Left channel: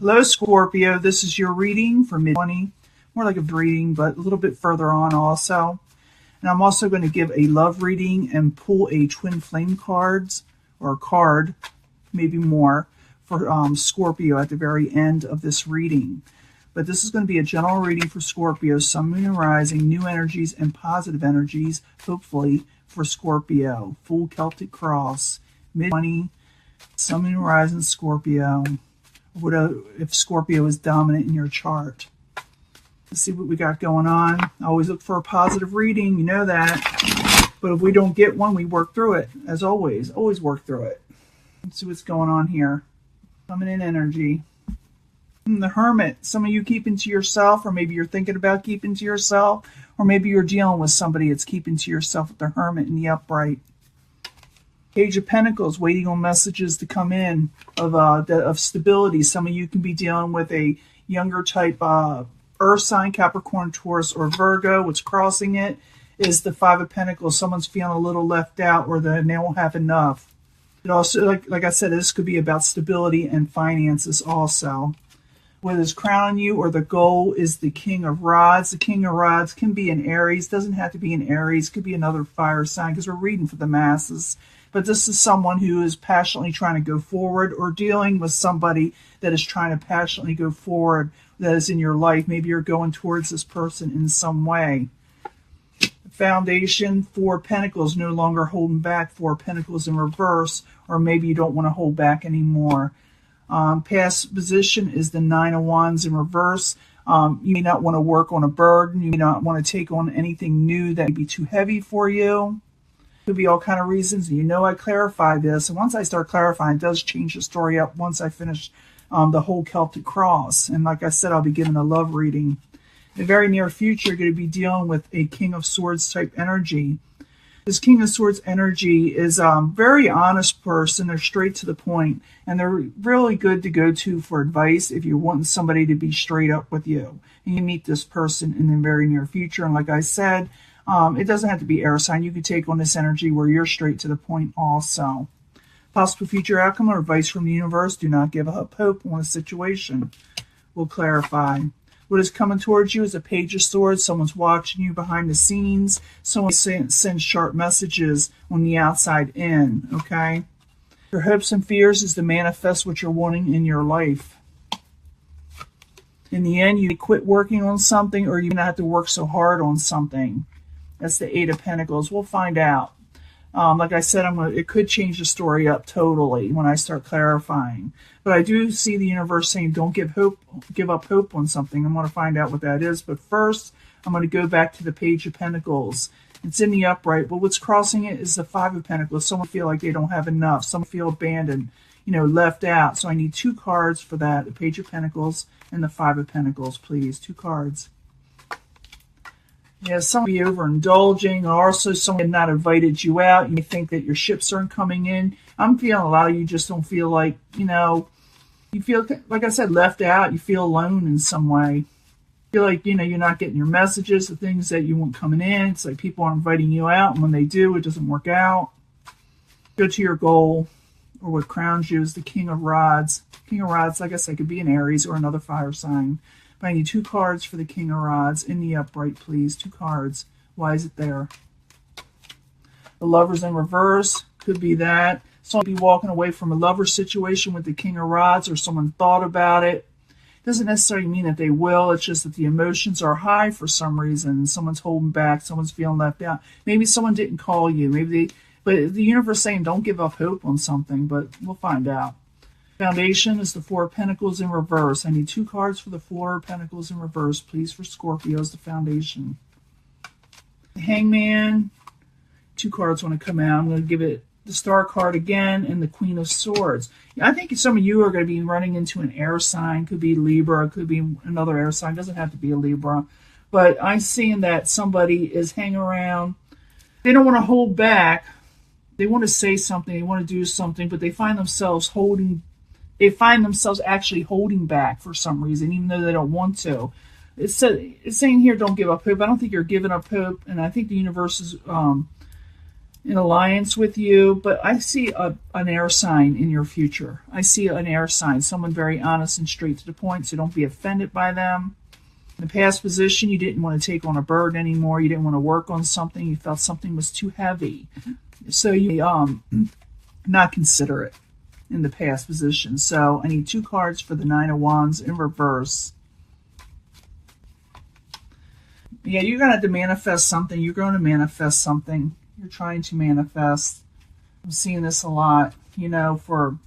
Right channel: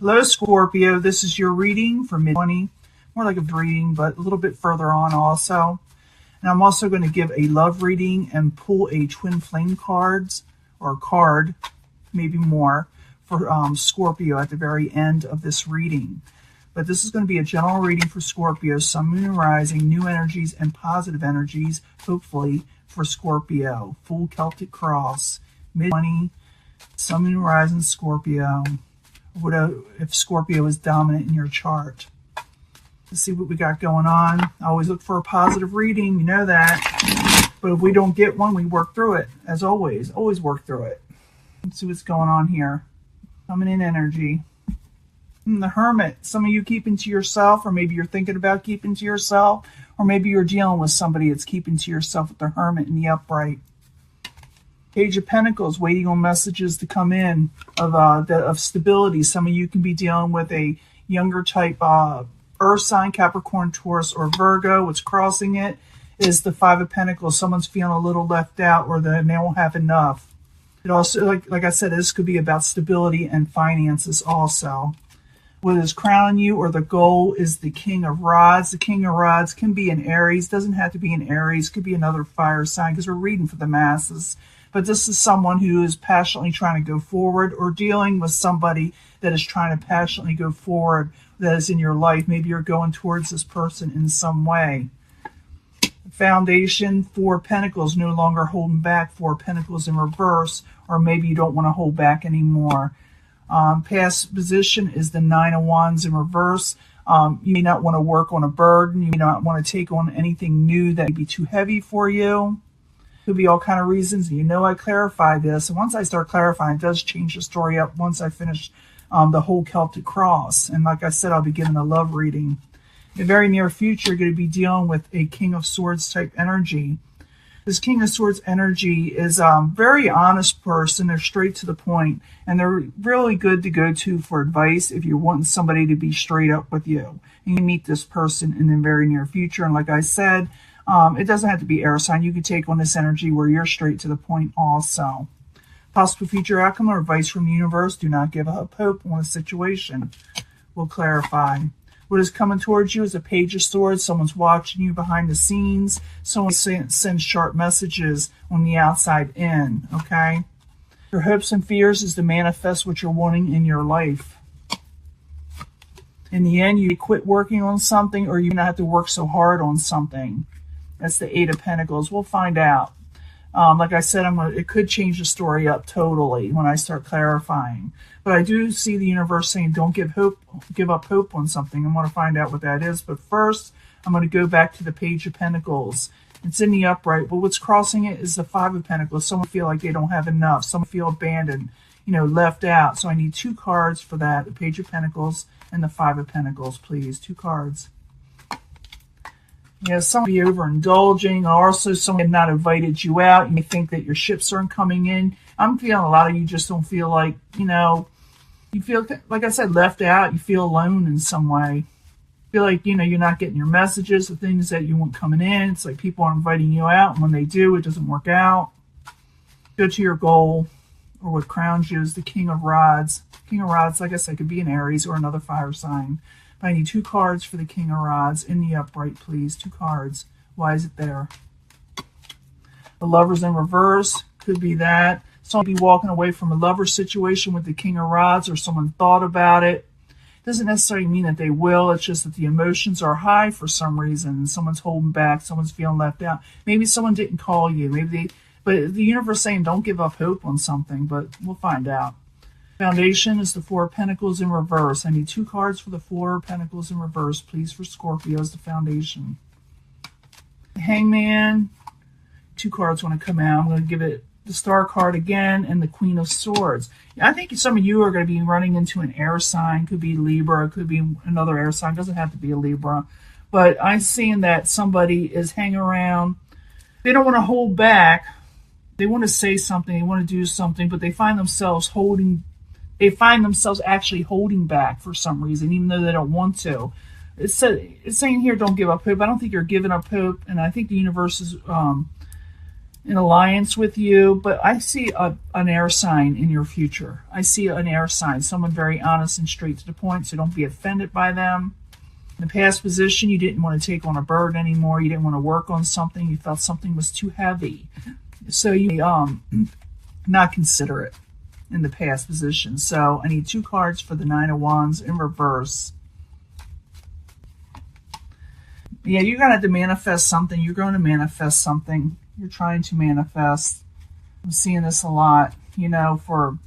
Hello, Scorpio. This is your reading for mid-20. More like a reading, but a little bit further on also. And I'm also going to give a love reading and pull a twin flame cards or card, maybe more, for Scorpio at the very end of this reading. But this is going to be a general reading for Scorpio, Sun, Moon, and Rising, new energies and positive energies, hopefully, for Scorpio. Full Celtic Cross, mid-20, Sun, Moon, and Rising, Scorpio. If Scorpio is dominant in your chart. Let's see what we got going on. I always look for a positive reading, you know that. But if we don't get one, we work through it. As always work through it. Let's see what's going on here. Coming in energy. The Hermit. Some of you keeping to yourself, or maybe you're thinking about keeping to yourself, or maybe you're dealing with somebody that's keeping to yourself with the Hermit and the Upright. Page of Pentacles, waiting on messages to come in of stability. Some of you can be dealing with a younger type Earth sign, Capricorn, Taurus, or Virgo. What's crossing it is the Five of Pentacles. Someone's feeling a little left out, or they won't have enough. It also, like I said, this could be about stability and finances also. What is crowning you, or the goal, is the King of Rods. The King of Rods can be an Aries. Doesn't have to be an Aries. Could be another fire sign, because we're reading for the masses. But this is someone who is passionately trying to go forward, or dealing with somebody that is trying to passionately go forward, that is in your life. Maybe you're going towards this person in some way. Foundation, Four of Pentacles, no longer holding back. Four of Pentacles in reverse, or maybe you don't want to hold back anymore. Past position is the Nine of Wands in reverse. You may not want to work on a burden. You may not want to take on anything new that may be too heavy for you. Could be all kind of reasons. You know I clarify this. And once I start clarifying, it does change the story up once I finish the whole Celtic Cross. And like I said, I'll be giving a love reading. In the very near future, you're going to be dealing with a King of Swords type energy. This King of Swords energy is a very honest person. They're straight to the point. And they're really good to go to for advice if you're wanting somebody to be straight up with you. And you meet this person in the very near future. And like I said, it doesn't have to be air sign. You can take on this energy where you're straight to the point also. Possible future outcome or advice from the universe. Do not give up hope on a situation. We'll clarify. What is coming towards you is a Page of Swords. Someone's watching you behind the scenes. Someone sends sharp messages on the outside in. Okay? Your hopes and fears is to manifest what you're wanting in your life. In the end, you quit working on something, or you're going to have to work so hard on something. That's the Eight of Pentacles. We'll find out. Like I said, it could change the story up totally when I start clarifying. But I do see the universe saying, don't give up hope on something. I'm going to find out what that is. But first, I'm going to go back to the Page of Pentacles. It's in the upright. But what's crossing it is the Five of Pentacles. Someone feel like they don't have enough. Someone feel abandoned, left out. So I need two cards for that. The Page of Pentacles and the Five of Pentacles, please. Two cards. Yeah, some of you overindulging, or also someone had not invited you out. You may think that your ships aren't coming in. I'm feeling a lot of you just don't feel like, you feel, like I said, left out. You feel alone in some way. You feel like, you're not getting your messages, the things that you want coming in. It's like people are inviting you out, and when they do, it doesn't work out. Go to your goal, or what crowns you is the King of Rods. King of Rods, like I said, could be an Aries or another fire sign. I need two cards for the King of Rods in the upright, please. Two cards. Why is it there? The Lovers in reverse. Could be that. Someone be walking away from a lover situation with the King of Rods, or someone thought about it. Doesn't necessarily mean that they will. It's just that the emotions are high for some reason. Someone's holding back. Someone's feeling left out. Maybe someone didn't call you. But the universe saying don't give up hope on something, but we'll find out. Foundation is the Four of Pentacles in reverse. I need two cards for the Four of Pentacles in reverse, please, for Scorpio as the foundation. The Hangman. Two cards want to come out. I'm going to give it the Star card again and the Queen of Swords. I think some of you are going to be running into an air sign. Could be Libra. Could be another air sign. Doesn't have to be a Libra. But I'm seeing that somebody is hanging around. They don't want to hold back. They want to say something. They want to do something. But they find themselves actually holding back for some reason, even though they don't want to. It's saying here, don't give up hope. I don't think you're giving up hope, and I think the universe is in alliance with you, but I see an air sign in your future. I see an air sign, someone very honest and straight to the point, so don't be offended by them. In the past position, you didn't want to take on a burden anymore. You didn't want to work on something. You felt something was too heavy. So you not consider it in the past position. So I need 2 cards for the Nine of Wands in reverse. Yeah, you're going to have to manifest something. You're going to manifest something. You're trying to manifest. I'm seeing this a lot, you know, for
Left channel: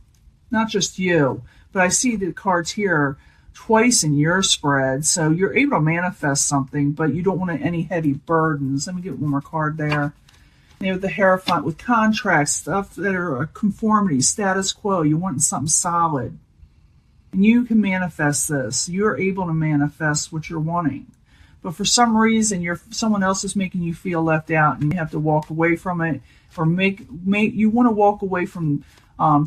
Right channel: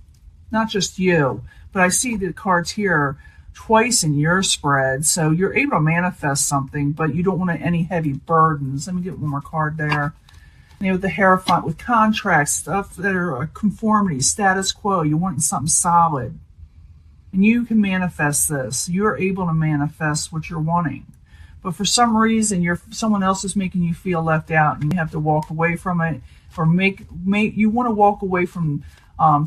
not just you, but I see the cards here twice in your spread. So you're able to manifest something, but you don't want any heavy burdens. Let me get one more card there. And you have the Hierophant with contracts, stuff that are conformity, status quo. You want something solid. And you can manifest this. You're able to manifest what you're wanting. But for some reason, someone else is making you feel left out, and you have to walk away from it, or you want to walk away from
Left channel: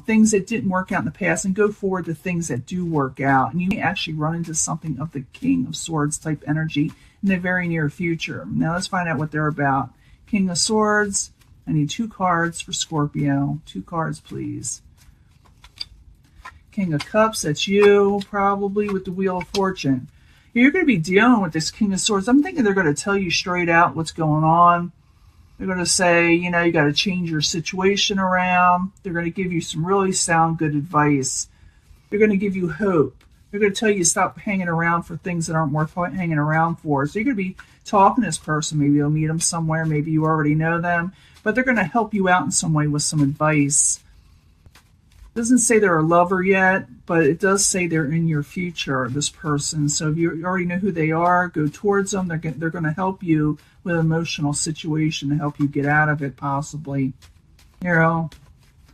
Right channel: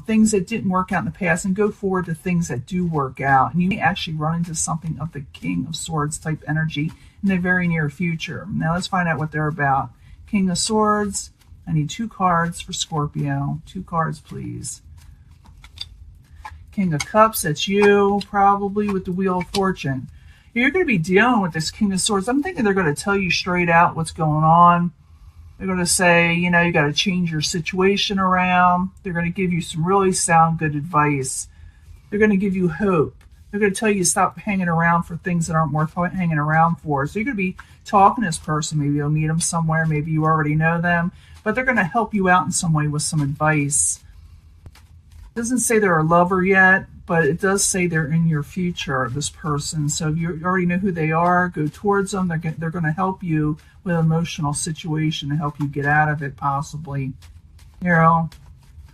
things that didn't work out in the past and go forward to things that do work out. And you may actually run into something of the King of Swords type energy in the very near future. Now let's find out what they're about. King of Swords. I need 2 cards for Scorpio. 2 cards, please. King of Cups. That's you, probably, with the Wheel of Fortune. You're going to be dealing with this King of Swords. I'm thinking they're going to tell you straight out what's going on. They're going to say, you know, you got to change your situation around. They're going to give you some really sound good advice. They're going to give you hope. They're going to tell you to stop hanging around for things that aren't worth hanging around for. So you're going to be talking to this person. Maybe you'll meet them somewhere. Maybe you already know them. But they're going to help you out in some way with some advice. It doesn't say they're a lover yet, but it does say they're in your future, this person. So if you already know who they are, go towards them. They're going to help you with an emotional situation to help you get out of it, possibly. You know,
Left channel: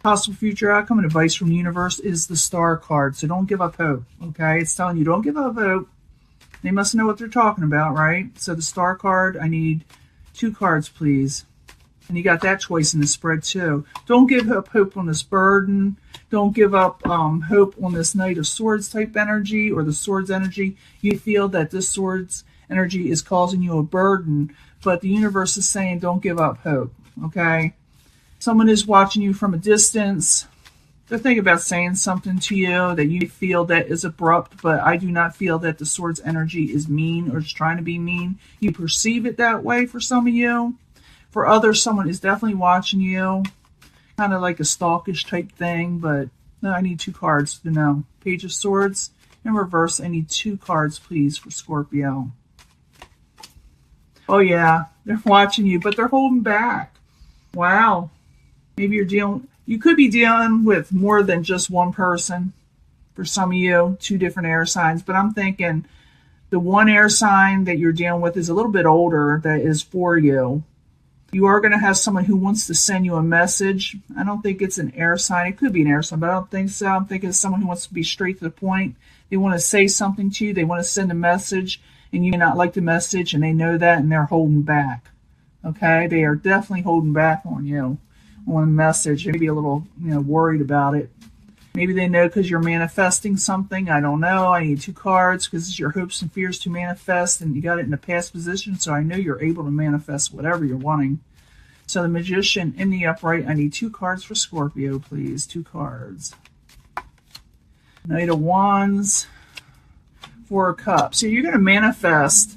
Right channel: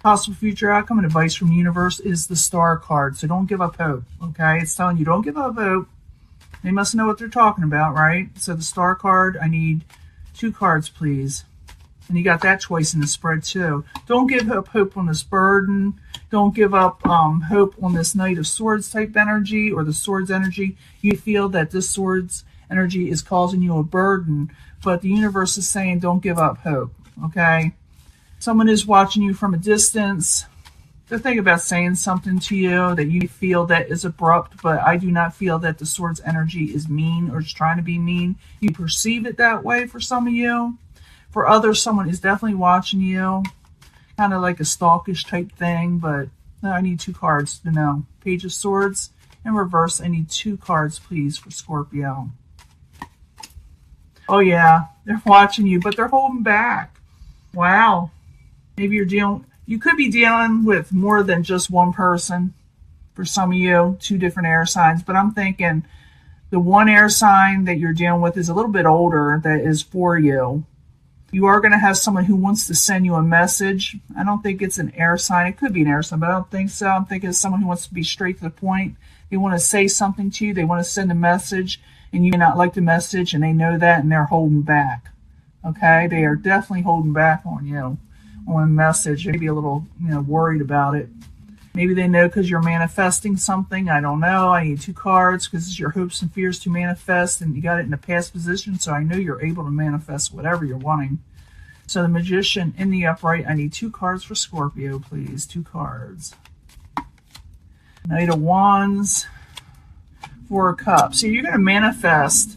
possible future outcome and advice from the universe is the Star card. So don't give up hope, okay? It's telling you don't give up hope. They must know what they're talking about, right? So the Star card, I need 2 cards, please. And you got that choice in the spread too. Don't give up hope on this burden. Don't give up hope on this Knight of Swords type energy or the Swords energy. You feel that this Swords energy is causing you a burden, but the universe is saying don't give up hope, okay? Someone is watching you from a distance. They're thinking about saying something to you that you feel that is abrupt, but I do not feel that the Swords energy is mean or just trying to be mean. You perceive it that way for some of you. For others, someone is definitely watching you, kind of like a stalkish type thing, but no, I need 2 cards to know. Page of Swords in reverse. I need 2 cards, please, for Scorpio. Oh, yeah, they're watching you, but they're holding back. Wow. Maybe you could be dealing with more than just one person. For some of you, 2 different air signs, but I'm thinking the one air sign that you're dealing with is a little bit older that is for you. You are going to have someone who wants to send you a message. I don't think it's an air sign. It could be an air sign, but I don't think so. I'm thinking it's someone who wants to be straight to the point. They want to say something to you. They want to send a message, and you may not like the message, and they know that, and they're holding back. Okay? They are definitely holding back on you, on a message. Maybe a little, worried about it. Maybe they know because you're manifesting something. I don't know. I need 2 cards because it's your hopes and fears to manifest, and you got it in the past position, so I know you're able to manifest whatever you're wanting. So the Magician in the upright, I need 2 cards for Scorpio, please. 2 cards. Knight of Wands, 4 of Cups. So you're going to manifest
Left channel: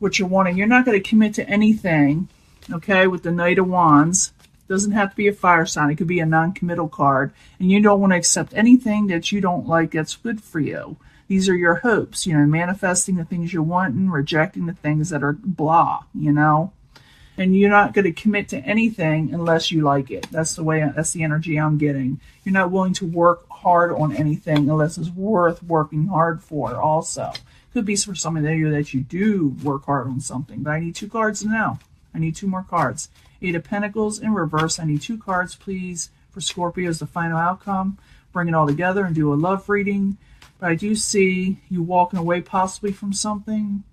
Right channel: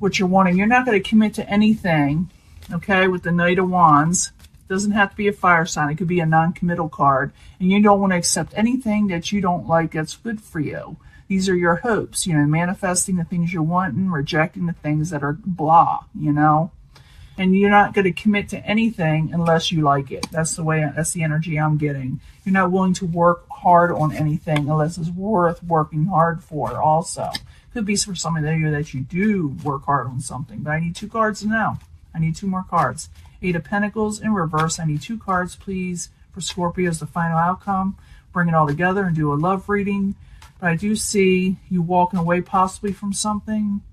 what you're wanting. You're not going to commit to anything, okay, with the Knight of Wands. Doesn't have to be a fire sign. It could be a non-committal card. And you don't want to accept anything that you don't like that's good for you. These are your hopes, manifesting the things you want and rejecting the things that are blah, And you're not going to commit to anything unless you like it. That's the energy I'm getting. You're not willing to work hard on anything unless it's worth working hard for also. Could be for some of you that you do work hard on something. But I need 2 cards to know. I need 2 more cards. 8 of Pentacles in reverse. I need 2 cards, please, for Scorpio as the final outcome. Bring it all together and do a love reading. But I do see you walking away possibly from something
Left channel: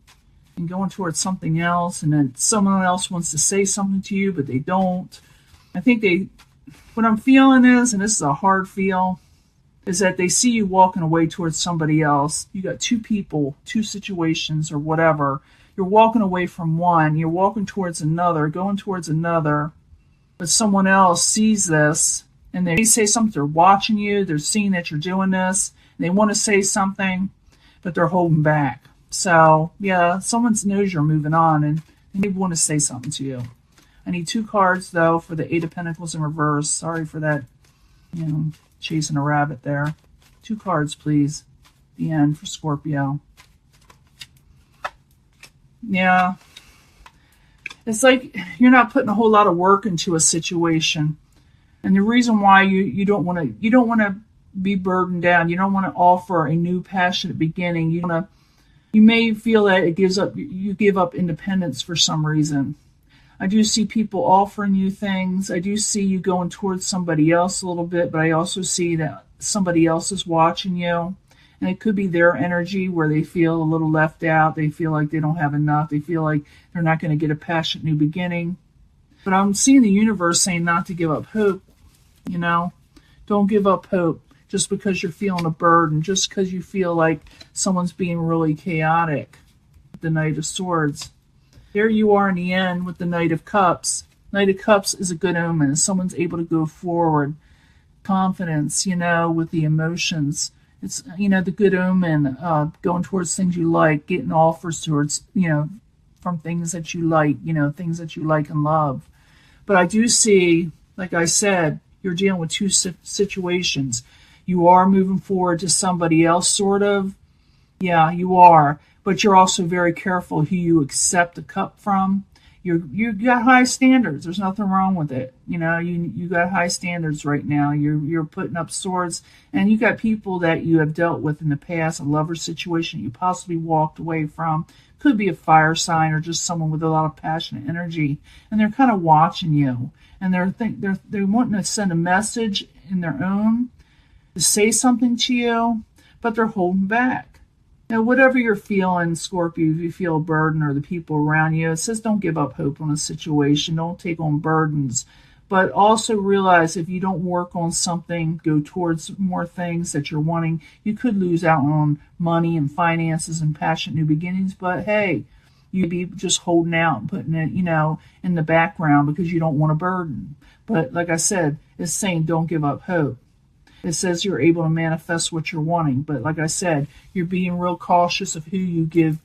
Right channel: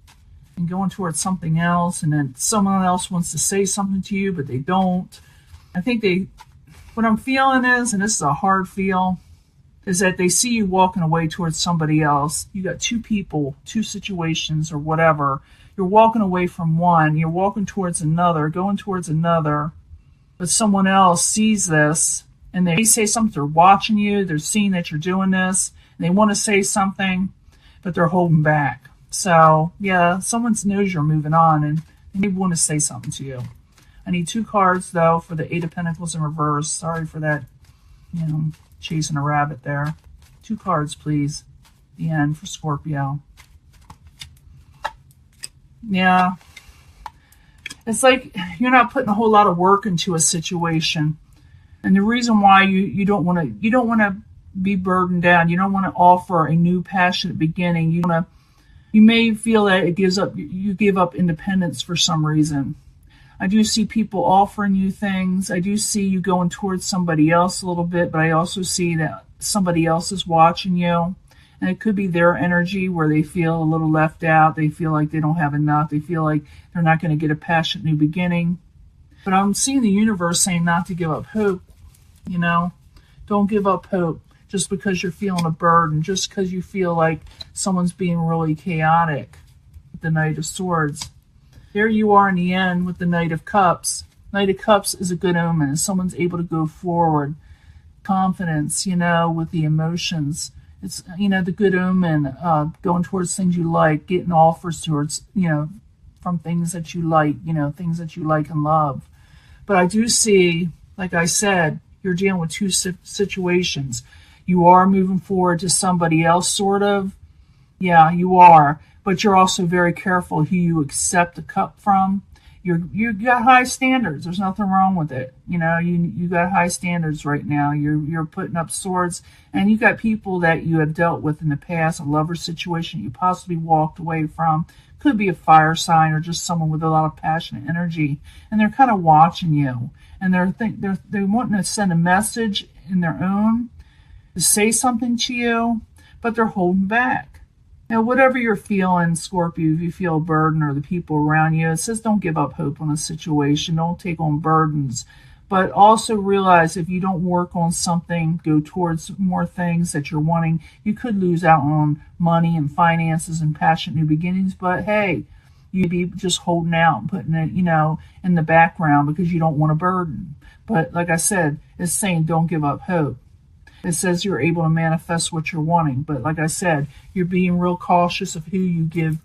and going towards something else, and then someone else wants to say something to you, but they don't. I think what I'm feeling is, and this is a hard feel, is that they see you walking away towards somebody else. You got 2 people, 2 situations or whatever. You're walking away from one, you're walking towards another, going towards another, but someone else sees this and they say something, they're watching you, they're seeing that you're doing this, and they want to say something, but they're holding back. So, yeah, someone knows you're moving on and they want to say something to you. I need 2 cards, though, for the Eight of Pentacles in reverse. Sorry for that, chasing a rabbit there. 2 cards, please. The end for Scorpio. Yeah. It's like you're not putting a whole lot of work into a situation. And the reason why you don't want to be burdened down. You don't want to offer a new passionate beginning. You may feel that you give up independence for some reason. I do see people offering you things. I do see you going towards somebody else a little bit, but I also see that somebody else is watching you. And it could be their energy where they feel a little left out. They feel like they don't have enough. They feel like they're not going to get a passionate new beginning. But I'm seeing the universe saying not to give up hope. Don't give up hope just because you're feeling a burden, just because you feel like someone's being really chaotic. The Knight of Swords. There you are in the end with the Knight of Cups. Knight of Cups is a good omen. Someone's able to go forward. Confidence, with the emotions. It's, the good omen, going towards things you like, getting offers towards, from things that you like, things that you like and love. But I do see, like I said, you're dealing with 2 situations. You are moving forward to somebody else, sort of. Yeah, you are. But you're also very careful who you accept the cup from. You got high standards. There's nothing wrong with it. You got high standards right now. You're putting up swords, and you got people that you have dealt with in the past, a lover situation you possibly walked away from. Could be a fire sign or just someone with a lot of passionate energy, and they're kind of watching you, and they're wanting to send a message in their own to say something to you, but they're holding back. Whatever you're feeling, Scorpio, if you feel a burden or the people around you, it says don't give up hope on a situation. Don't take on burdens. But also realize if you don't work on something, go towards more things that you're wanting, you could lose out on money and finances and passionate new beginnings. But hey, you'd be just holding out and putting it, in the background because you don't want a burden. But like I said, it's saying don't give up hope. It says you're able to manifest what you're wanting. But like I said, you're being real cautious of who you give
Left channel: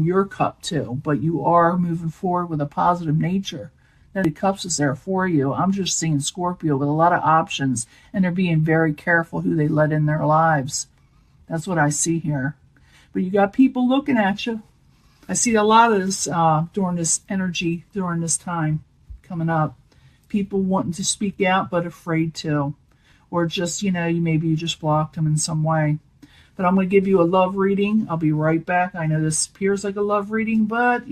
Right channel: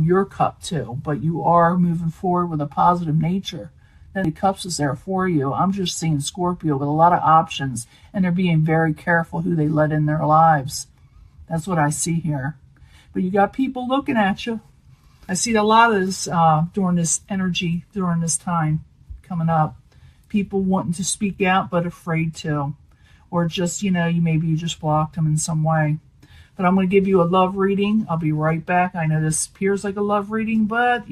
your cup to. But you are moving forward with a positive nature. That the cups is there for you. I'm just seeing Scorpio with a lot of options. And they're being very careful who they let in their lives. That's what I see here. But you got people looking at you. I see a lot of this during this energy, during this time coming up. People wanting to speak out but afraid to. Or just, maybe you just blocked them in some way. But I'm going to give you a love reading. I'll be right back. I know this appears like a love reading, but,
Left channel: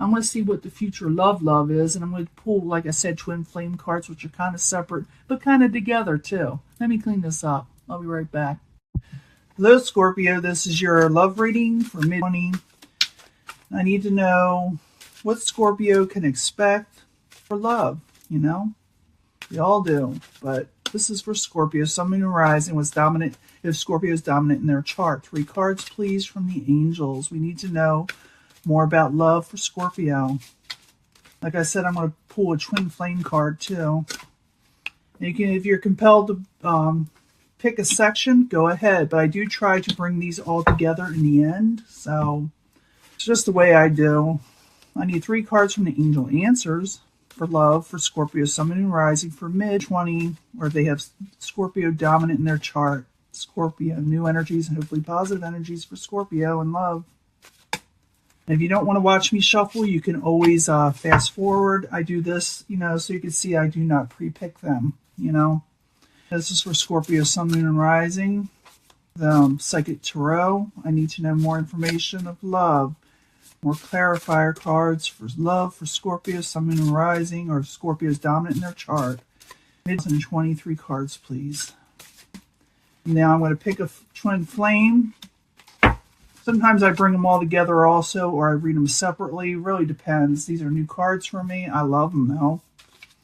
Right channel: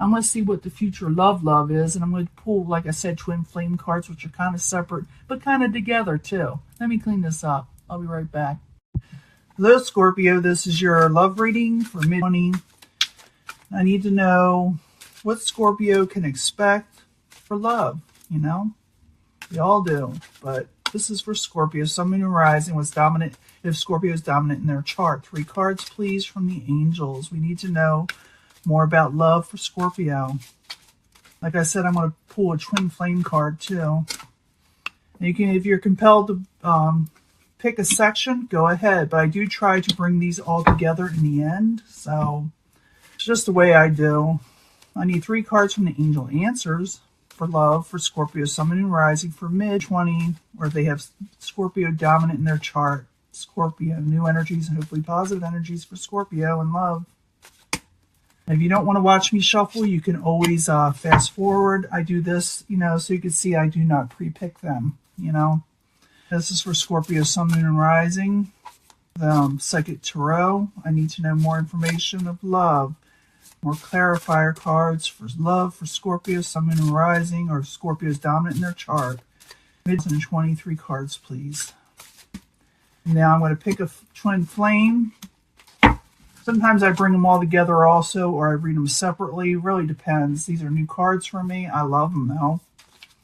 I'm going to see what the future love is. And I'm going to pull, like I said, twin flame cards, which are kind of separate, but kind of together, too. Let me clean this up. I'll be right back. Hello, Scorpio. This is your love reading for mid-20. I need to know what Scorpio can expect for love, We all do, but this is for Scorpio. Sun, Moon, and Rising was dominant. If Scorpio is dominant in their chart. 3 cards, please, from the angels. We need to know more about love for Scorpio. Like I said, I'm going to pull a twin flame card, too. And you can, if you're compelled to pick a section, go ahead. But I do try to bring these all together in the end. So it's just the way I do. I need 3 cards from the angel answers for love for Scorpio, Sun, Moon, and Rising for mid-20, or they have Scorpio dominant in their chart. Scorpio, new energies and hopefully positive energies for Scorpio and love. And if you don't want to watch me shuffle, you can always fast forward. I do this, so you can see I do not pre-pick them, This is for Scorpio, Sun, Moon, and Rising. Psychic Tarot. I need to know more information of love. More clarifier cards for love for Scorpio, Sun, Moon, and Rising, or Scorpio's dominant in their chart. Mid-23 cards, please. Now I'm going to pick a twin flame. Sometimes I bring them all together also, or I read them separately. It really depends. These are new cards for me. I love them, though.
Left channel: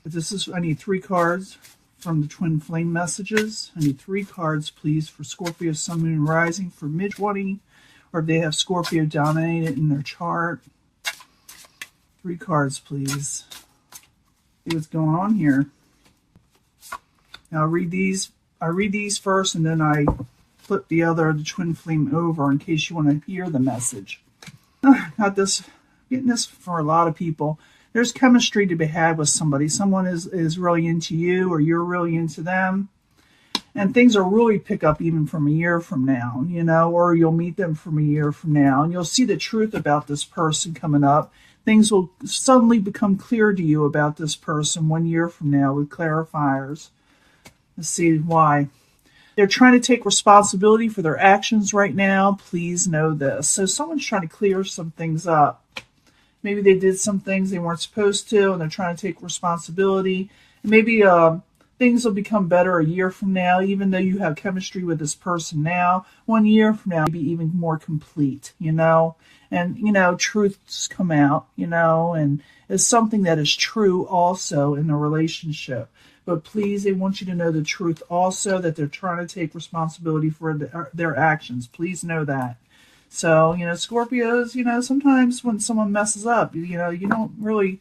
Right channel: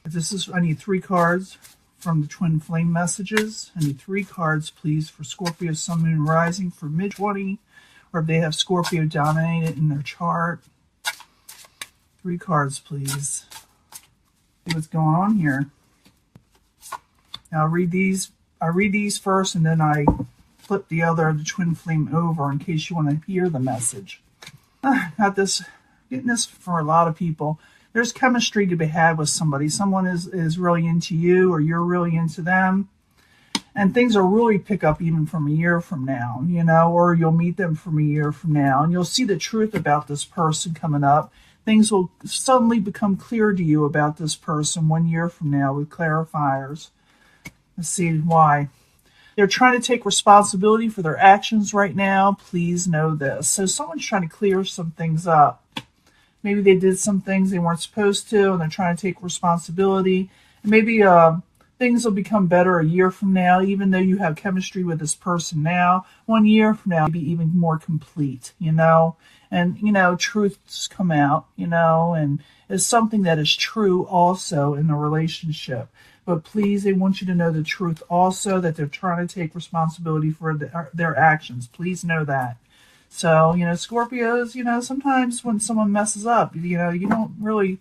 But I need 3 cards from the twin flame messages. I need 3 cards, please, for Scorpio, Sun, Moon, and Rising for mid-20. Or if they have Scorpio dominated in their chart. 3 cards, please. See what's going on here. Now I read these first, and then I flip the twin flame over in case you want to hear the message. Got this, getting this for a lot of people. There's chemistry to be had with somebody. Someone is really into you, or you're really into them. And things will really pick up even from a year from now, or you'll meet them from a year from now, and you'll see the truth about this person coming up. Things will suddenly become clear to you about this person 1 year from now with clarifiers. Let's see why. They're trying to take responsibility for their actions right now. Please know this. So someone's trying to clear some things up. Maybe they did some things they weren't supposed to, and they're trying to take responsibility. And maybe things will become better a year from now, even though you have chemistry with this person now. 1 year from now, maybe even more complete, And, truths come out, and it's something that is true also in the relationship. But please, they want you to know the truth also, that they're trying to take responsibility for their actions. Please know that. So, Scorpios, sometimes when someone messes up, you don't really,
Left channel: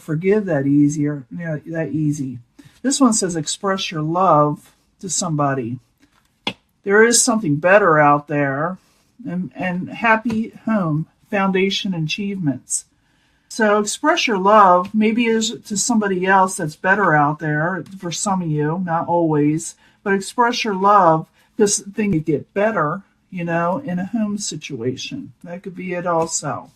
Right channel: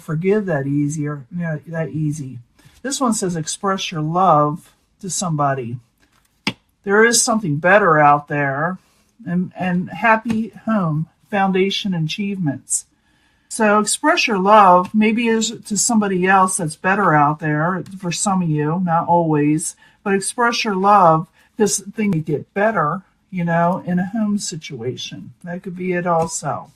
forgive that easy. This one says express your love to somebody. There is something better out there, and happy home, foundation, achievements. So express your love, maybe is to somebody else that's better out there, for some of you, not always, but express your love because things get better, in a home situation. That could be it also.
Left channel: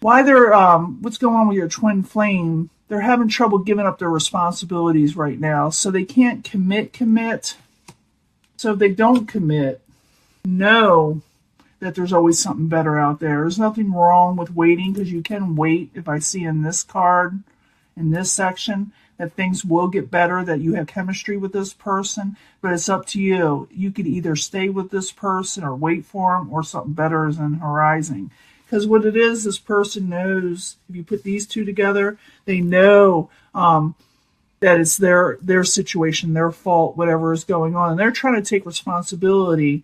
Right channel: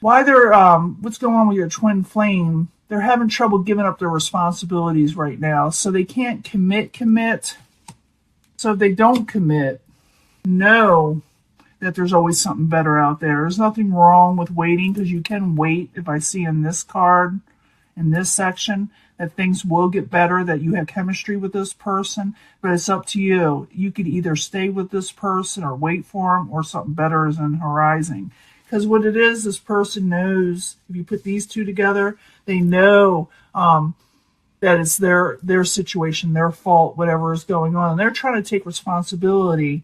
Why what's going on with your twin flame? They're having trouble giving up their responsibilities right now, so they can't commit. So if they don't commit, know that there's always something better out there. There's nothing wrong with waiting, because you can wait. If I see in this card, in this section, that things will get better, that you have chemistry with this person, but it's up to you. You could either stay with this person or wait for them, or something better is on the horizon. Because what it is, this person knows, if you put these two together, they know that it's their situation, their fault, whatever is going on. And they're trying to take responsibility,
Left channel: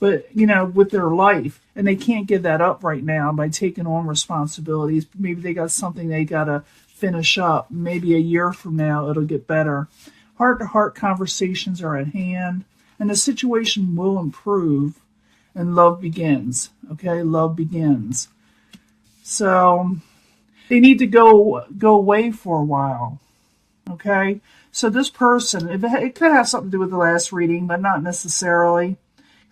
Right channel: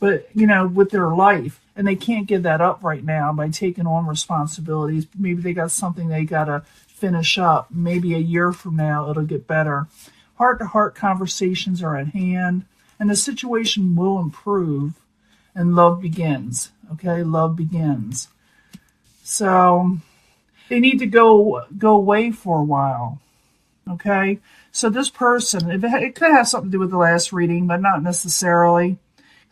but, with their life. And they can't give that up right now by taking on responsibilities. Maybe they got something they got to finish up. Maybe a year from now, it'll get better. Heart-to-heart conversations are at hand, and the situation will improve, and love begins. Okay, love begins. So they need to go away for a while. Okay, so this person, it could have something to do with the last reading, but not necessarily.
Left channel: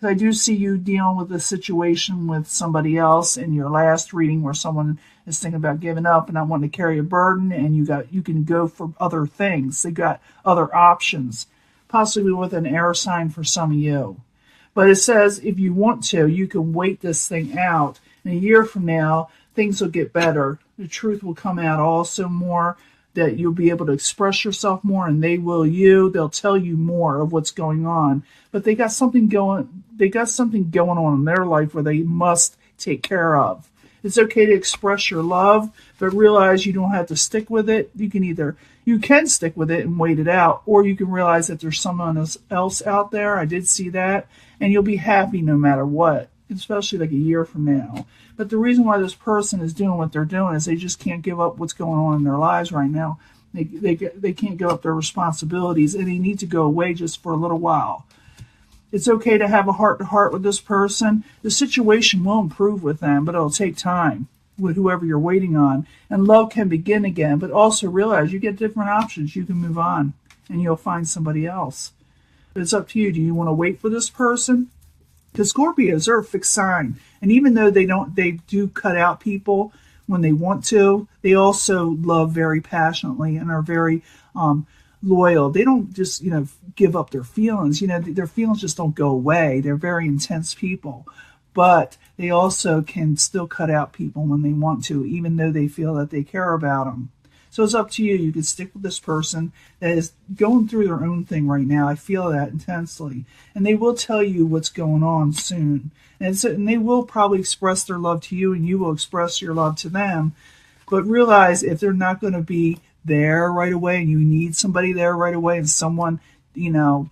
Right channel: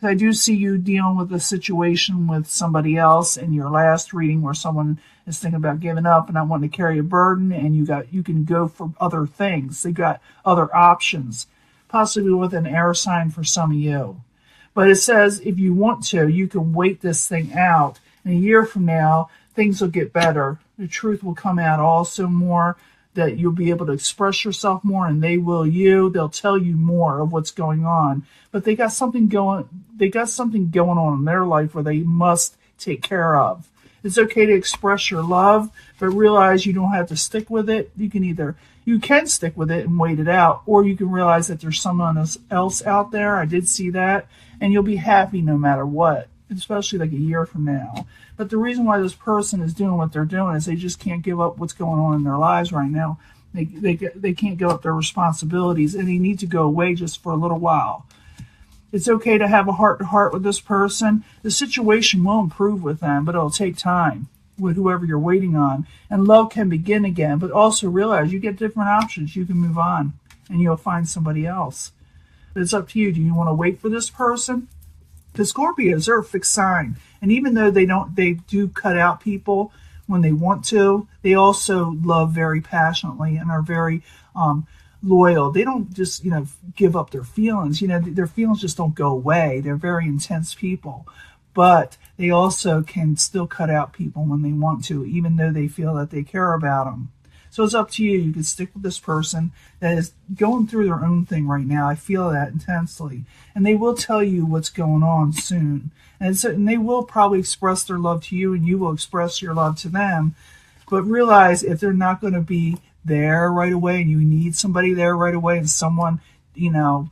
I do see you dealing with a situation with somebody else in your last reading, where someone is thinking about giving up and not wanting to carry a burden, and you can go for other things. They got other options, possibly with an air sign for some of you. But it says if you want to, you can wait this thing out. And a year from now, things will get better. The truth will come out also more, that you'll be able to express yourself more, and they will you. They'll tell you more of what's going on. But they got something going on in their life where they must take care of. It's okay to express your love, but realize you don't have to stick with it. You can stick with it and wait it out, or you can realize that there's someone else out there. I did see that, and you'll be happy no matter what, especially like a year from now. But the reason why this person is doing what they're doing is they just can't give up what's going on in their lives right now. They can't give up their responsibilities, and they need to go away just for a little while. It's okay to have a heart-to-heart with this person. The situation will improve with them, but it'll take time with whoever you're waiting on. And love can begin again, but also realize you get different options. You can move on, and you'll find somebody else. But it's up to you. Do you want to wait for this person? The Scorpios are a fixed sign. And even though they do cut out people when they want to, they also love very passionately and are very loyal. They don't just, give up their feelings. Their feelings just don't go away. They're very intense people. But they also can still cut out people when they want to, even though they feel that they care about them. So it's up to you. You can stick with this person that is going through their own thing right now. I feel that intensely. And they will tell you what's going on soon. And they will probably express their love to you, and you will express your love to them. But realize if they're not going to be there right away, and you need somebody there right away, and someone, the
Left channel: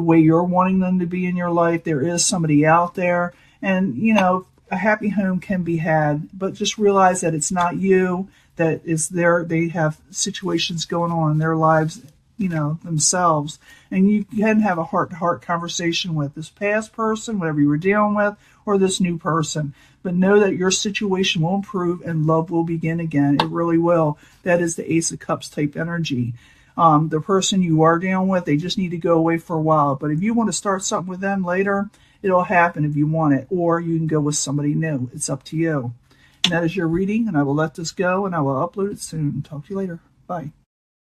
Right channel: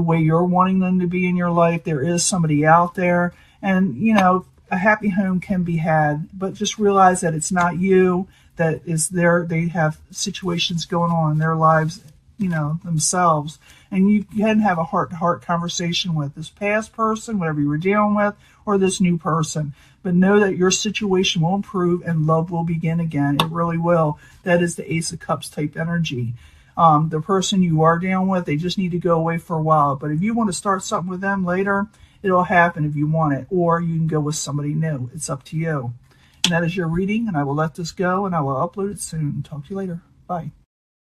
way you're wanting them to be in your life, there is somebody out there. And, a happy home can be had. But just realize that it's not you, that is there. They have situations going on in their lives, themselves. And you can have a heart-to-heart conversation with this past person, whatever you were dealing with, or this new person. But know that your situation will improve and love will begin again. It really will. That is the Ace of Cups type energy. The person you are dealing with, they just need to go away for a while. But if you want to start something with them later, it'll happen if you want it. Or you can go with somebody new. It's up to you. And that is your reading, and I will let this go, and I will upload it soon. Talk to you later. Bye.